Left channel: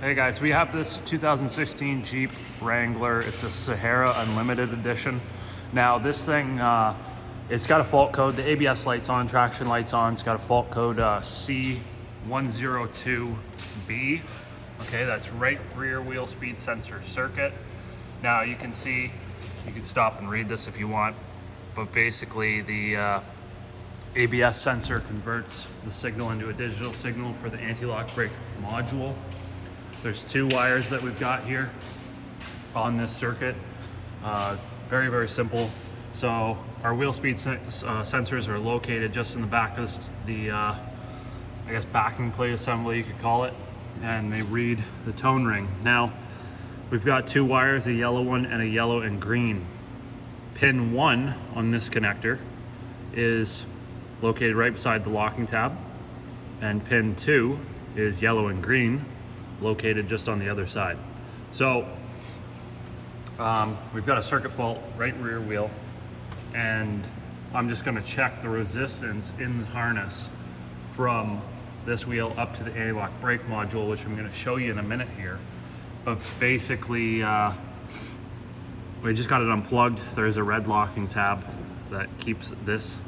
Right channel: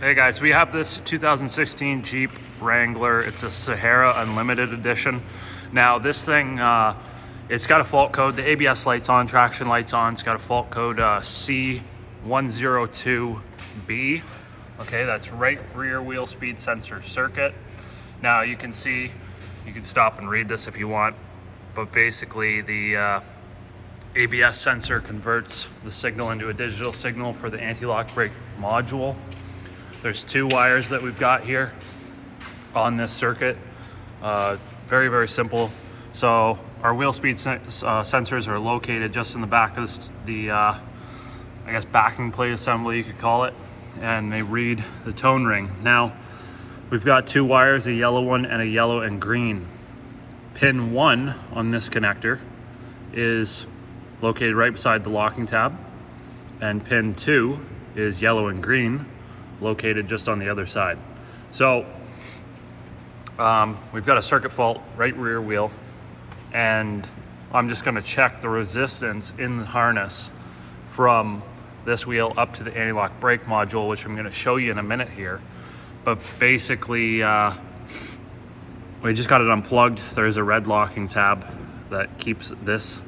Hey guys, we have this 2016 Jeep Wrangler. It's a Sahara Unlimited Edition. Now this thing, it's got a fault code. The ABS light's on, traction light's on. It's got a fault code C102B. Okay, that's right rear wheel speed sensor circuit. Now you can see, you can stop and read this if you want, but basically the ABS sensor converts the signal into a digital signal for the anti-lock brake module. There's two wires that we've got here on this circuit. Very, very simple. So our wheel speed sensors are located just in the back of the I guess backing plate assembly, you could call it, and they read the tone ring. Now we've got two wires, a yellow one and a yellow and green. Pin 1 on this connector is located right beside the locking tab, and pin 2 is yellow and green, located just on the other side. So we've got a circuit fault right rear wheel, and I'm just going to check the resistance in the harness from this wheel up to the anti-lock brake module, which I'm going to show you in a minute here. But basically we just got it unplugged. There's a red locking tab that keeps this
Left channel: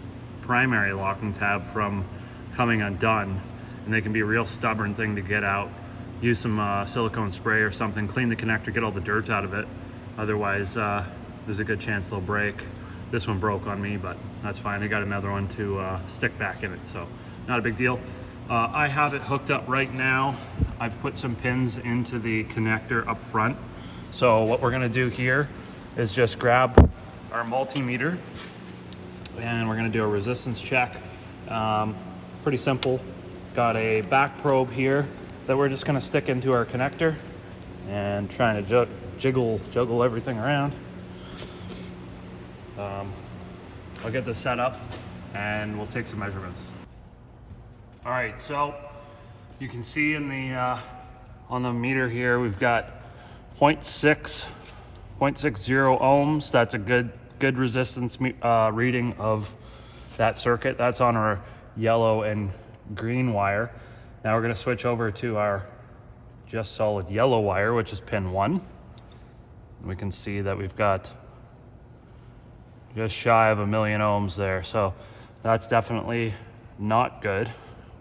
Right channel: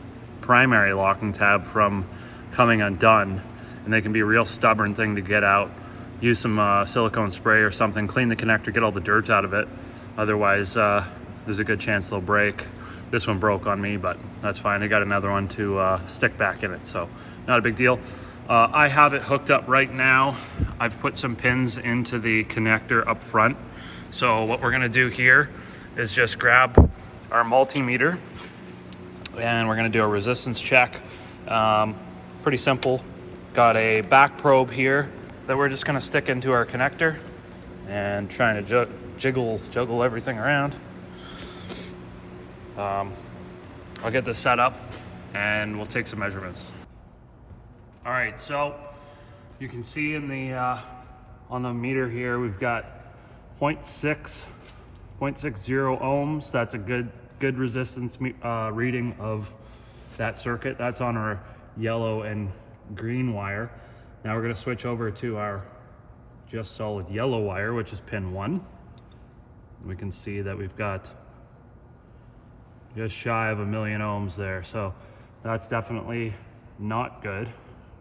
primary locking tab from coming undone, and they can be a real stubborn thing to get out. Use some silicone spray or something, clean the connector, get all the dirt out of it. Otherwise, there's a good chance they'll break. This one broke on me, but that's fine. I got another one to stick back in it, so not a big deal. I have it hooked up right now. I've put some pins into the connector up front. So what we're gonna do here is just grab our multimeter, and we're gonna do a resistance check. Pretty simple. Got a back probe here that we're just gonna stick into our connector and trying to juggle everything around. I'll get this set up and we'll take some measurements. All right, so you can see in the on the meter here, we've got 0.60 ohms. That's a good resistance reading of that circuit. That's on our yellow and green wire. Now we're going to switch over to our just solid yellow wire, which is pin 1. We can see that we've got just shy of 1,000,000 ohms there, so that's definitely not good.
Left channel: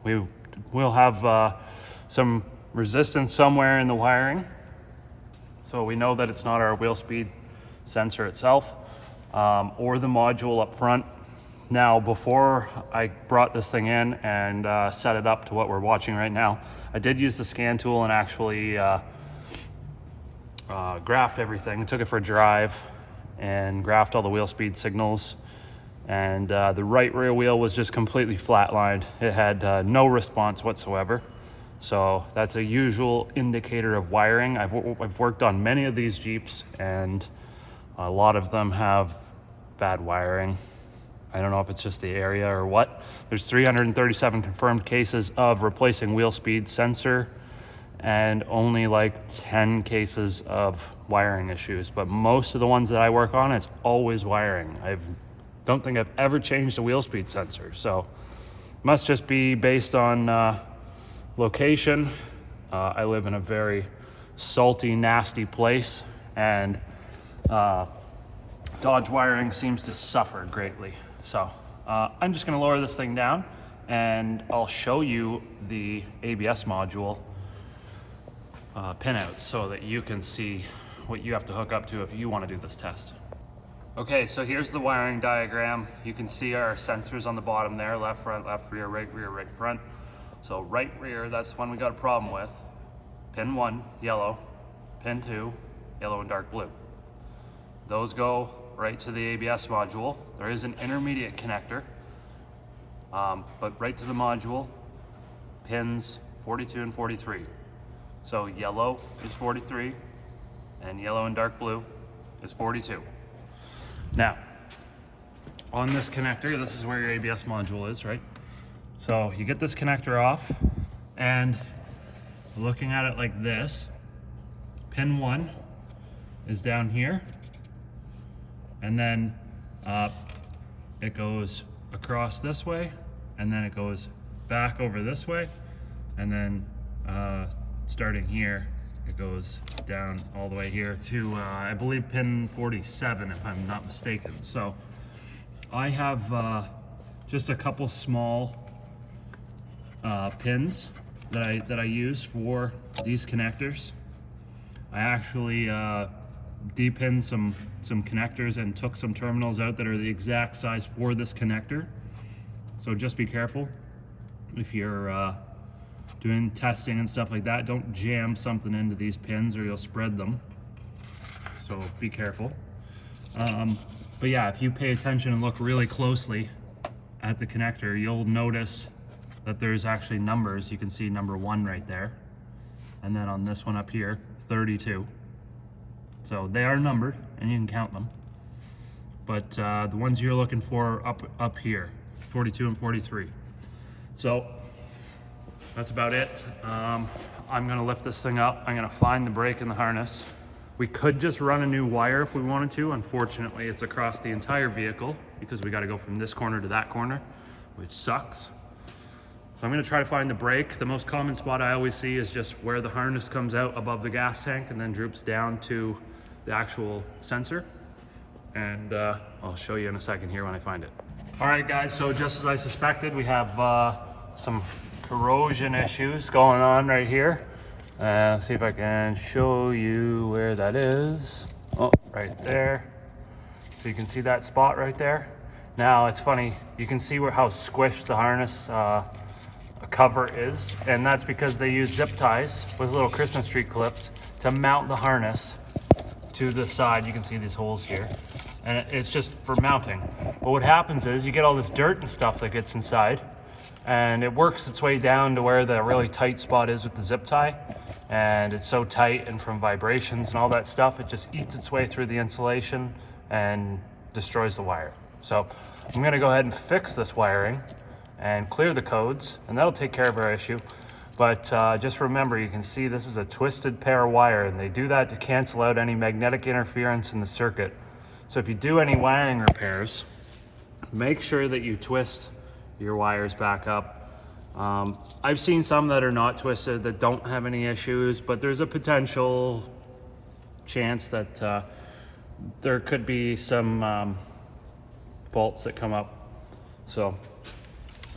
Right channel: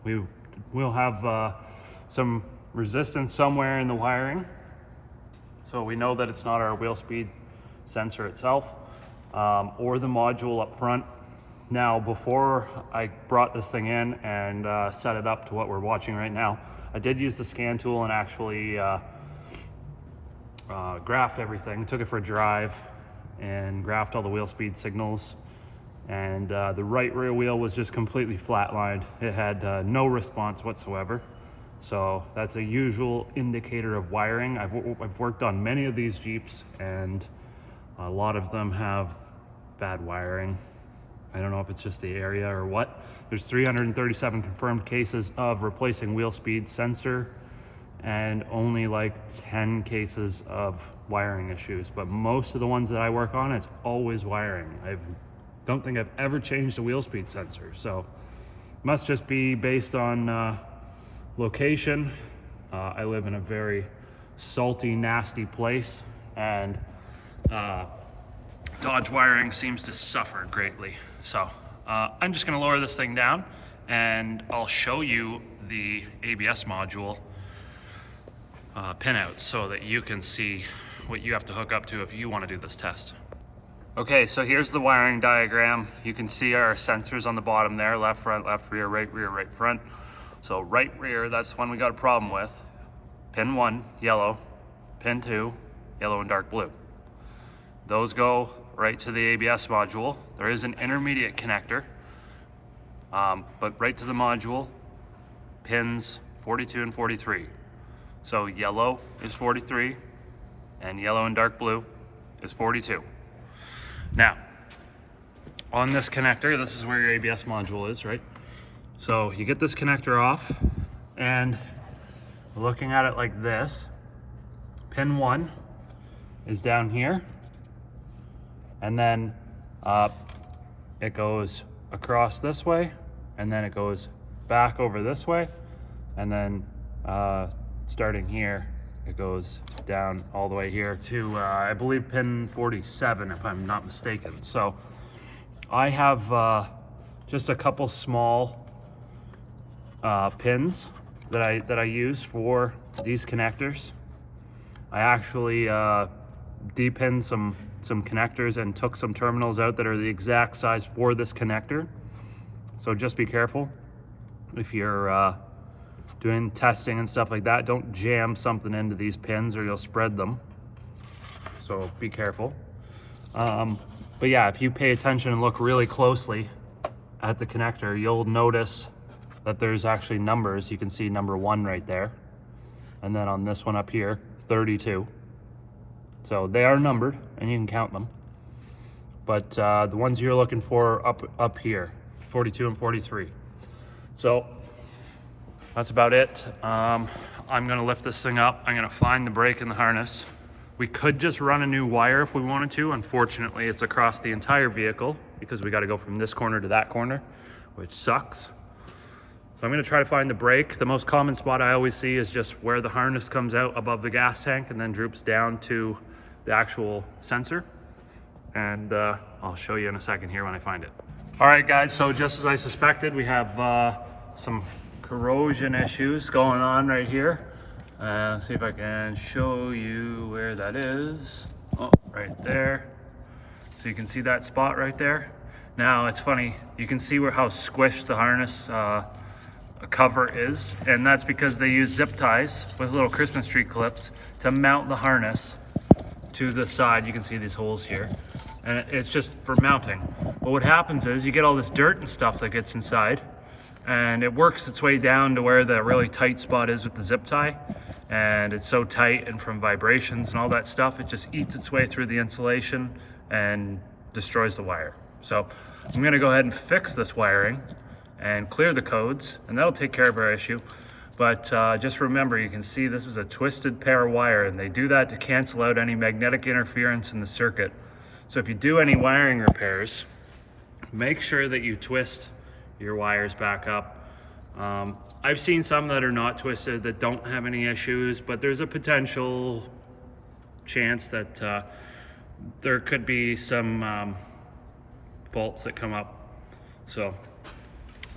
We will have some resistance somewhere in the wiring, so we know that it's not our wheel speed sensor itself or the module up front. Now, before I brought this thing in and set it up to what we're watching right now, I did use the scan tool and actually graphed everything. Took it for a drive and graphed all the wheel speed signals. And the right rear wheel was just completely flatlined. It had no response whatsoever. So that's a usual indicator of wiring. I've worked on many of these Jeeps, and a lot of them have bad wiring. I don't know if it's just the area or what. There's 337 confirmed cases of replacing wheel speed sensor and only like 10 cases of wiring issues. But most of the ones that I work on, it's always wiring. I don't think I've ever changed a wheel speed sensor. So must just be based on location. I live in a very salty, nasty place, and Dodge wiring seems to suffer greatly. So I'm just gonna lower this thing down and I'll show you the ABS module pinouts so that you can see what you have to hook up to if you wanna do this test. Okay, so here's the wiring diagram. You can see our sensors on the bottom there, left rear, right front. So right rear, that's the one we got a problem with. Pin 1, yellow. Pin 2, yellow and dark blue. Those go right to the ABS module. There is an intermediate connector, but right to the module, pins 42 and 43. So yellow is 43, and yellow and dark blue is 42. Now, on this connector, this is where your ABS module is, right? So you get this connector off, and looking at it like this, pin 1 is down here, and then it goes across this way, and then it goes back over this way, and then starting here, it goes down all the way here to, I believe, pin 47, if I'm not mistaken. So I have just a couple small pins that I use for these connectors. I actually depinned some connectors and took some terminals out that are the exact size for this connector. So just be careful if you're doing testing and stuff like that. Don't jam something into these pins or you'll spread them. So be careful. But yeah, if you pay attention and look really closely at the connector, you'll notice that there's actually numbers. You can see number 1 right there. And then on this one up here, 32. So they are numbered and you can count them. But the ones you're looking for up here, 42 and 43. So that's about it. I'm gonna lift this thing up. I'm gonna find the brake in the harness. We could just run a new wire if we wanted to. Unfortunately, it's across the entire vehicle because we gotta go from this corner to that corner, which sucks. So I'm gonna try to find the brake. The most common spot I always see is just where the harness comes out above the gas tank and then droops down to the actual sensor. And I'll show you in a second here when I find it. All right, guys, so just as I suspected, we have some corrosion issues going on right here. Let's see if I can show you where that is. Oh, right there. So you can see that spot right there. Now it's funny, you can see how squished the harness cover is, and that's because they use zip ties with little Christmas tree clips to mount the harness to the side. You can see these holes here, and it's just for mounting. But what happens is you get all this dirt and stuff that gets inside, and it works its way down to where the really tight spot is with the zip tie, and it's so tight, and from vibrations and all that stuff, it just eats its way through the insulation and destroys the wire. So I'm gonna go ahead and fix this wiring and clear the codes, and that'll take care of our issue. But just remember, you can see this is a twisted pair of wire, and they do that to cancel out any magnetic interference in the circuit. So if you do any wiring repairs, make sure that you twist your wires back up. I've seen some that are not twisted that don't have any issues, but there's a potential chance that there could be some faults that come up. So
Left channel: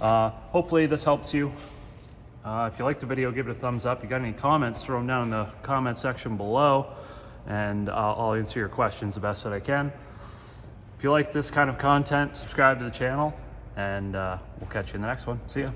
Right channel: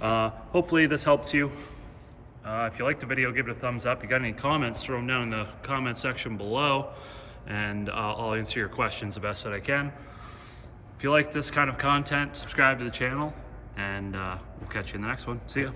hopefully this helps you. If you liked the video, give it a thumbs up. You got any comments, throw them down in the comment section below, and I'll answer your questions the best that I can. If you like this kind of content, subscribe to the channel, and we'll catch you in the next one. See ya.